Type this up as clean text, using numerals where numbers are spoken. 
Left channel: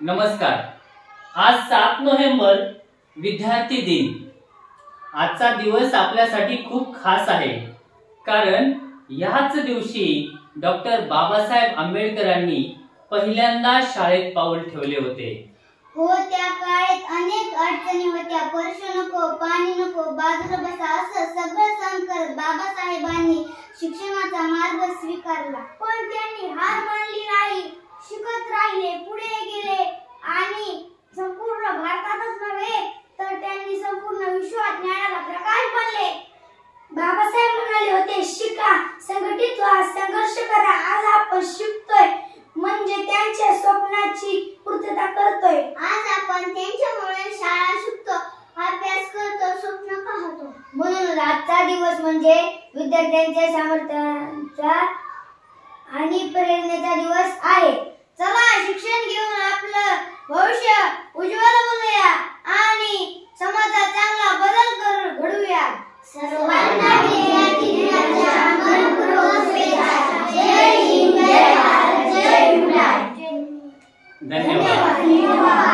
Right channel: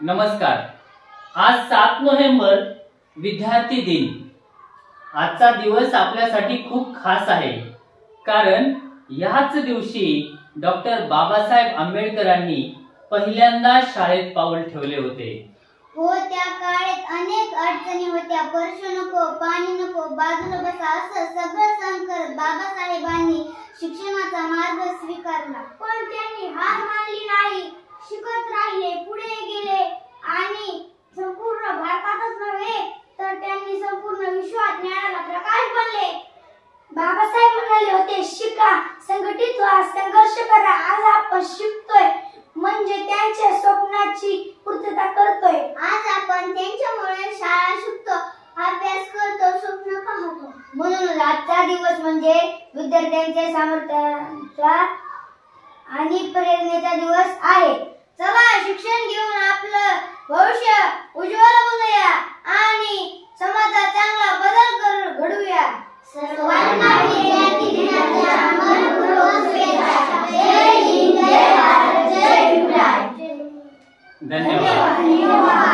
नमस्कार. आज 7 नोव्हेंबर विद्यार्थी दिन. आजचा दिवस आपल्यासाठी खूप खास आहे, कारण याच दिवशी डॉक्टर बाबासाहेब आंबेडकरांनी पहिल्यांदा शाळेत पाऊल ठेवले होते. हो, त्या काळात अनेक अडचणी होत्या. वर्ष नको, पाणी नको, बाजूला बसा असं सगळं सहन करत बाबासाहेबांनी शिक्षणाचा मार्ग स्वीकारला. पण त्यांनी हार मानली नाही, शिकत राहिले, पुढे गेले आणि संपूर्ण भारतातच नव्हे तर त्यांनी संपूर्ण विश्वात ज्ञानाला प्रकाश बनले. बाबासाहेब म्हणाले होते, शिका, संघटित व्हा, संघर्ष करा. आज आपण शिकतोय म्हणजे त्यांच्या स्वप्नाची पूर्तता करतोय. आज आपण त्यांच्यामुळे शाळा शिकतो, अभ्यास करतो, स्वप्न पाहतो. म्हणून आजचा दिवस म्हणजे विद्यार्थ्यांच्या सामर्थ्याचा आणि प्रेरणेचा दिवस आहे. चला, शिक्षण घेऊन आपलं भविष्य उज्ज्वल बनवूया.